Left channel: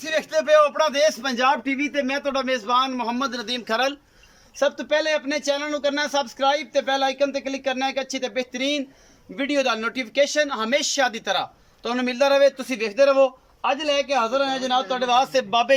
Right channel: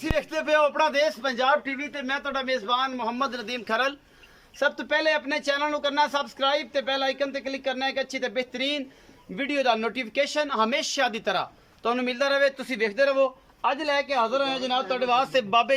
ਤੁਸੀਂ ਵੇਖਦੇ ਪਏ ਹੋ ਆਪਣਾ ਦੇਸ਼ ਪੰਜਾਬ ਟੀਵੀ ਤੇ ਮੈਂ ਤੁਹਾਡਾ ਮੇਜ਼ਬਾਨ ਮੁਹੰਮਦ ਨਦੀਮ ਖਰਲ। सब तो पहले अपने चैनल करना सबसक्राइब ते बेल आइकन ते क्लिक करना है कि अच्छी ते बेहतरीन वीडियो का नोटिफिकेशन हमेशा की तरह तुहानू मिलता रहे। तुसी देखते रहो। अज लैके हाजिर होया जनाब तुहाडे वास्ते बाबे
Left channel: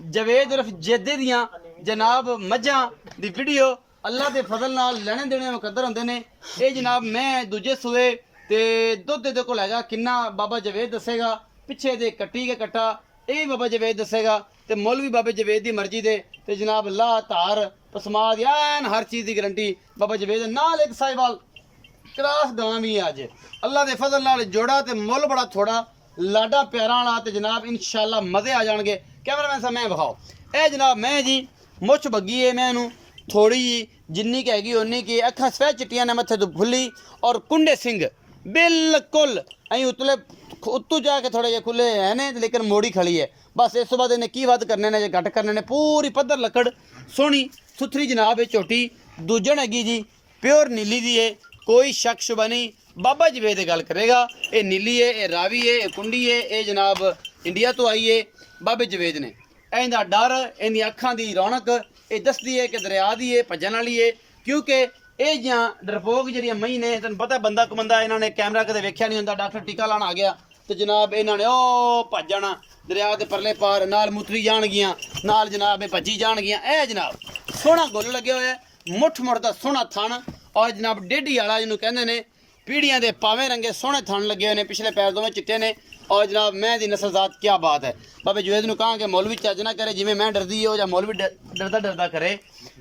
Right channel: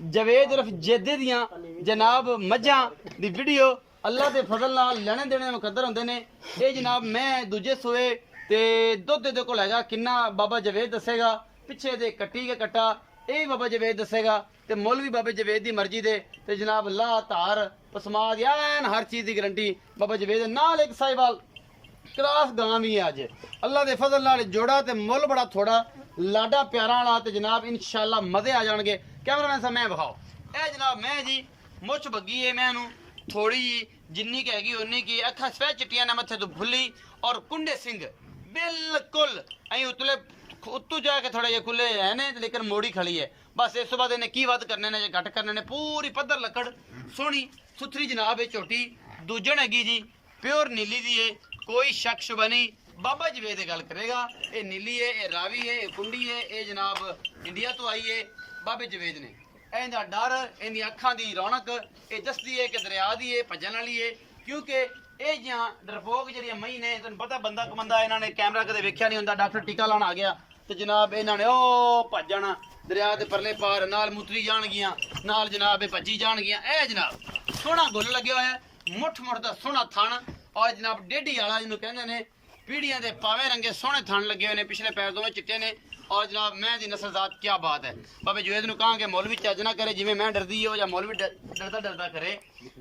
जवेद उर्फ जेदे दियां जनाब मझां दी वीडियो। अल्लाह के फजल नाल लेने देने मुकद्दर होंदे ने। ये जनाब मैं दूजे सूए ते दुध दे कोल हैगा किन्ना बाबा जवेद दसेगा। पिछे दे कट्टी के कट्टा ये बाबा जवेद दसेगा ते मुल भी बाबे जवेद की मर्जी दे ते जनाब लाह धार पसमाद यान हर चीज़ की गारंटी बाबा जवेद नाल। एक साहिवाल क्रास गां भी है अज अल्लाह के फजल नाल जोड़ा ते मुल बड़ा थोड़ा लाडा प्यारा वाला ते जनाब इंशाल्लाह मज़े आ जाएंगे। कैमरामैन साहब मैं बखाओ ए जनाब मैं जी मुछ बग्गी है मैं थोड़ी जिन्नी की हैगी उन्नी की अखा सफेद चिट्टियां ने मत्थे तो फुली और कुंडे सिंह बिल्कुल अं उतले उत्तू जाके थोड़े जे खुले है ने लेकिन मोड़ी खड़ी है। बस इस बाद इन्हें की वध करने ने जे घट करने ने पूरी पद्धर लकड़ सोहनी सुथरी जनाब ये झोटी दूजन हैगी जी प्योर नीली दी है। कोई शक शुबा नहीं बाबा जवेद गल करेगा। ये नीली है ये रावी है ये कुंडी है ये जनाब इंडिया तो आई है बाबे जवेद ने। इनका डर इन अखां की रौनक ये दसदी है कि दरिया दी है भजन वाली है। क्योंकि ये जियां डरपोक जी मई ने तेन पता बंदा कुमंदा इन्होंने कैमरा कदे वेख्या नहीं होंदा। डॉक्टर टीका लाना आ गया तो जनाब इन्होंने ओ भज जाना दरिया के परले पार नाल मुतरी जाणगियां नाल जनाब भजी जाणगियां। ए जनाब सोहना गुल लगे हुआ है मुठ मुठ का सोहना थन और जनाब डेढ़ी वाला जिन्हों कहते हैं पीढ़ियां के पावे रंगे सोहने थन लगे हुए हैं। पिछले पैर दोवें चिट्टे ने और जनाब मैं दी नस्लजात क्या बात है। बाबे जवेद नूं कहां कि मौलवी चज ना करे जिवें मैं डरदी हो या मौलवी डरदा डरदा करे।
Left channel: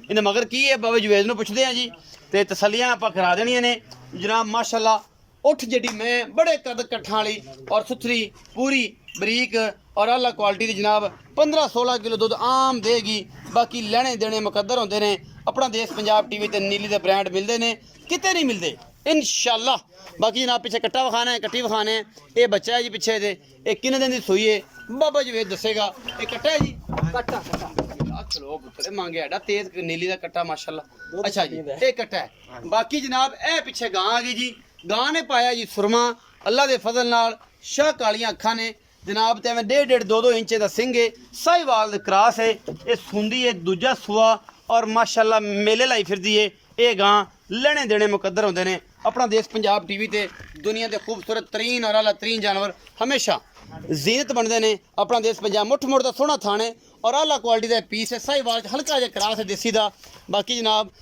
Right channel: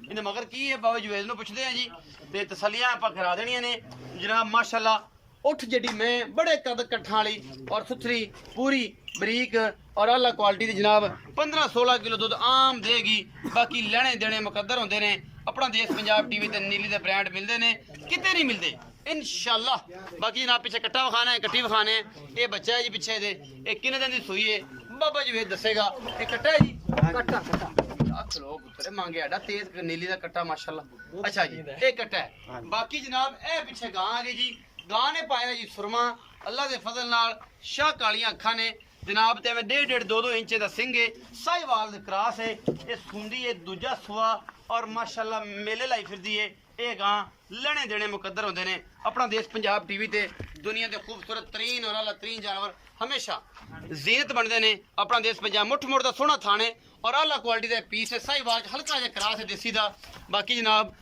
इन्हें मगर की है बाबे जवेद नूं पुछदे हैं जी ते तसलियां आपां करा देनियां ने जनाब। माशाअल्लाह उठ जी मैं बड़े कद कट्ठां वाली और सुथरी पूरी बरीक और आला क्वालिटी की जनाब 15-16 किलो दुध आम देगी। बाकी लेने देने मुकद्दर होंदे ने। अपना देश पंजाब टीवी ते नीली दे ब्रांड मिलते हैं किते नहीं मिलते इंशाअल्लाह। बाकी जनाब पिछे कट्टा विखाना है कट्टी विखाने ये बच्चा है जी पिछे दे ये किन्ने दिन की सूई है बाबा जी दसेगा। ये कट्टा है जी कट्टा कट्टा चलो पुत्र मांगे आडा तेज नीली का कट्टा माशाअल्लाह। अच्छा जी ये कट्टा है। बाकी जनाब ए पिछे गां आ गई जी गां ने पाया जी सुरमा अल्लाह के फजल नाल शाह कालियां अखा ने जनाब ते 1.5-2 इंच का सिंह है साहिवाल क्रास है। ये सुंदी है दूजा सुआ और माशाअल्लाह मेले लाई फिरदी है। ये गां लेने देने मुकद्दर होंदे ने। अपना देश पंजाब टीवी ते दुनिया के खूबसूरत तरीन और आला तरीन जानवर हमेशा जीनत बनते हैं। अपना देश पंजाब मुठ मुठ का सोहना थाने और आला क्वालिटी का पीस है साहिवाल हल्का जहा क्रास है देसी का। बाकी जनाब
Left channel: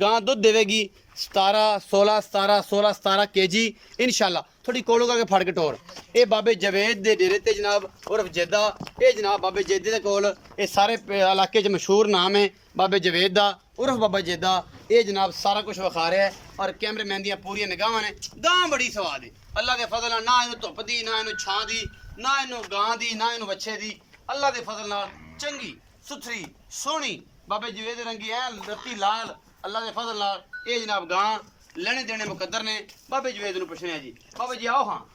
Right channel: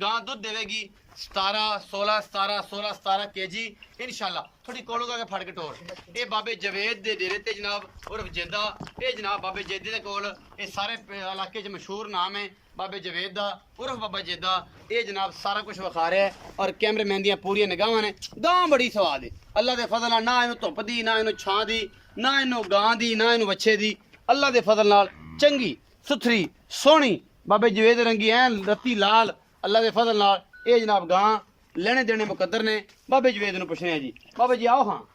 गां दुध देगी 17 केजी इंशाल्लाह। थोड़ी कोलो करके फड़ के टोर ये बाबे जवेद दे डेरे ते जनाब उर्फ जेदा ये जनाब बाबे जेदे दे कोल ये सारे इलाके च मशहूर नाम है बाबे जवेद दा उर्फ बाबा जेदा। ये जनाब सारा कुछ विखा रहा है और कैमरेमैन दियां पूरी निगाहां ने। गां बड़ी स्वाद है अल्लाह के फजल नाल ना इनू धुप दी ना इनू छां दी ना इनू गां दी ना इनू बच्चे दी। अल्लाह के फजल नाल चंगी सुथरी सोहनी बाबे जवेद रंगी ऐन रत्ती लाल अल्लाह के फजल नाल ये जनाब गां लेने देने मुकद्दर ने। बाबे जवेद नूं पुछने जी बाबा जी आओ हाँ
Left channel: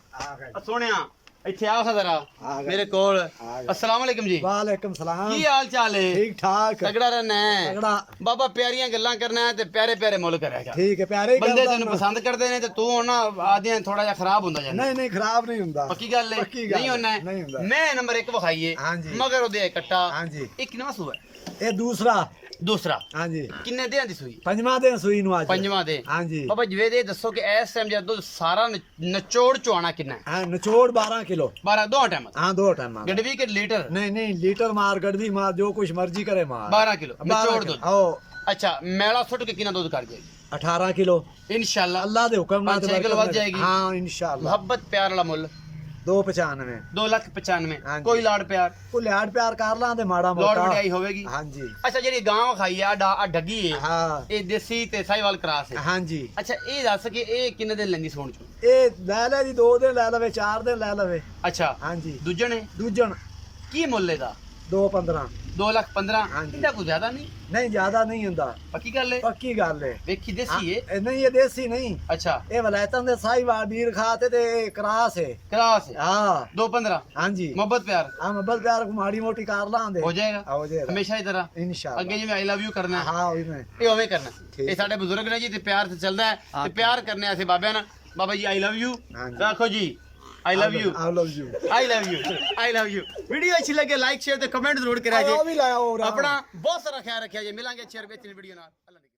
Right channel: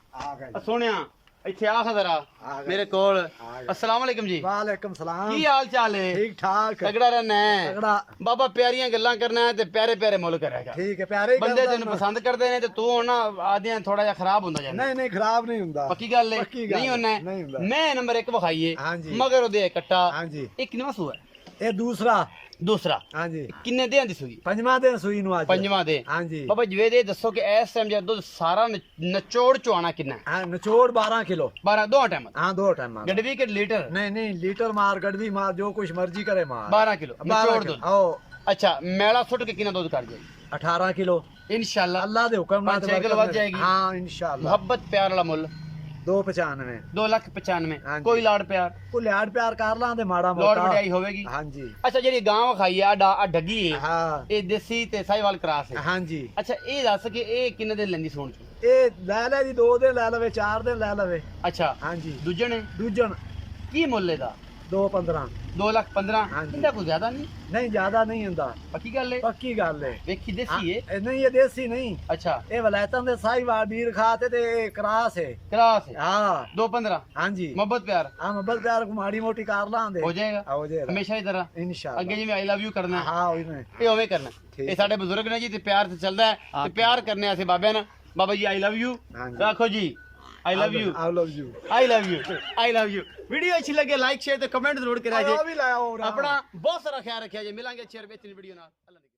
सोने इत्थे आ जरा मेरे कोल। अस्सलाम वालेकुम जी। वालेकुम सलाम की हाल चाल है? ठीक ठाक तगड़ा रहना है तगड़ा बाबा प्यारियां गल्लां करना है ते प्यारे प्यारे मुल करेगा। ठीक है प्यारे बंदे तेन पसंद करते ने ते तू ना आदियां थोड़ा जिहा खराब हुंदा जांदा। नहीं नहीं खराब नहीं हुंदा पक्की गल है नहीं होना है। मैं नंबर 1 विखाईए हां जी मगर ओदे कट्टा हां जी एक नवा सूआ ये दूसरा हां जी किन्ने देहां दी सूई? पंजवां दिन सूई नु आज पंजवां दे। हां जी बाबा जवेद ये दसो कि इस टाइम जद दुध सारा नचोड़ चुआना कितना है? हां नचोड़ 12 किलो 12 दो टाइम हां 2 टाइम गडवी के लीटर नहीं नहीं लीटर मार गडवी मार जो कुछ मर्जी करे मार 12 किलो नचोड़ दूध। ओ अच्छा मेला सुट के कितना दूध कर जाएगी? 18 किलो इंशाल्लाह अल्लाह दे हुक्म नाल 5 किलो वध जाएगी। हां इंशाल्लाह मोहब्बत प्यार वाला मुल 295 2,95,000 कोई लाड़ प्यार को लाड प्यार कर लां ते माड़ा लोड़ मोटा वड्याई होवेगी। हां जी अच्छा जेडी गांव खाई आ डगी है हां ये देसी ते साहिवाल क्रास है। हां जी अच्छा ये दस कि ये किन्ने दिन लेंदी सोण चो? ए ले ले जी 2 दिन ले लवे 4 दिन ले लवे। अच्छा हां जी दूजन दूजन की मुल्ले दा 215 2,15,000 हाँ जी। इंदा कुछ ज्यादा नहीं नहीं ज्यादा नहीं हुंदा पक्की गल है पक्की गल है। वेखी देसी है ए नहीं ये देसी नहीं अच्छा ये वलायतन दे साहिवाल बीर खाते ते क्रास है। क्रास है हां 2,15 हां जी मोहब्बत प्यार हां मोहब्बत प्यार को माड़ी मोटी कार लांदे हो जाएगा हो जाएगा हमेशा ही तरह इंशाल्लाह अगे जिवें आई लव यू करना है हां ओही में ये ओवे करना ठीक ये साडे बुजुर्ग ने जी ते प्यार से चलदा है ते प्यार करने ऐसे बाबे ना बाबा जी आई लव यू हाँ जी। रखो जी I love you I love you I love you I love you video अच्छी लगे लाइक शेयर ते कमेंट जरूर करा आ जे भी लाया हो रहा अपना बहुत सारा ख्याल रखिया जे मिलांगे अच्छी और बेहतरीन वीडियो नाल।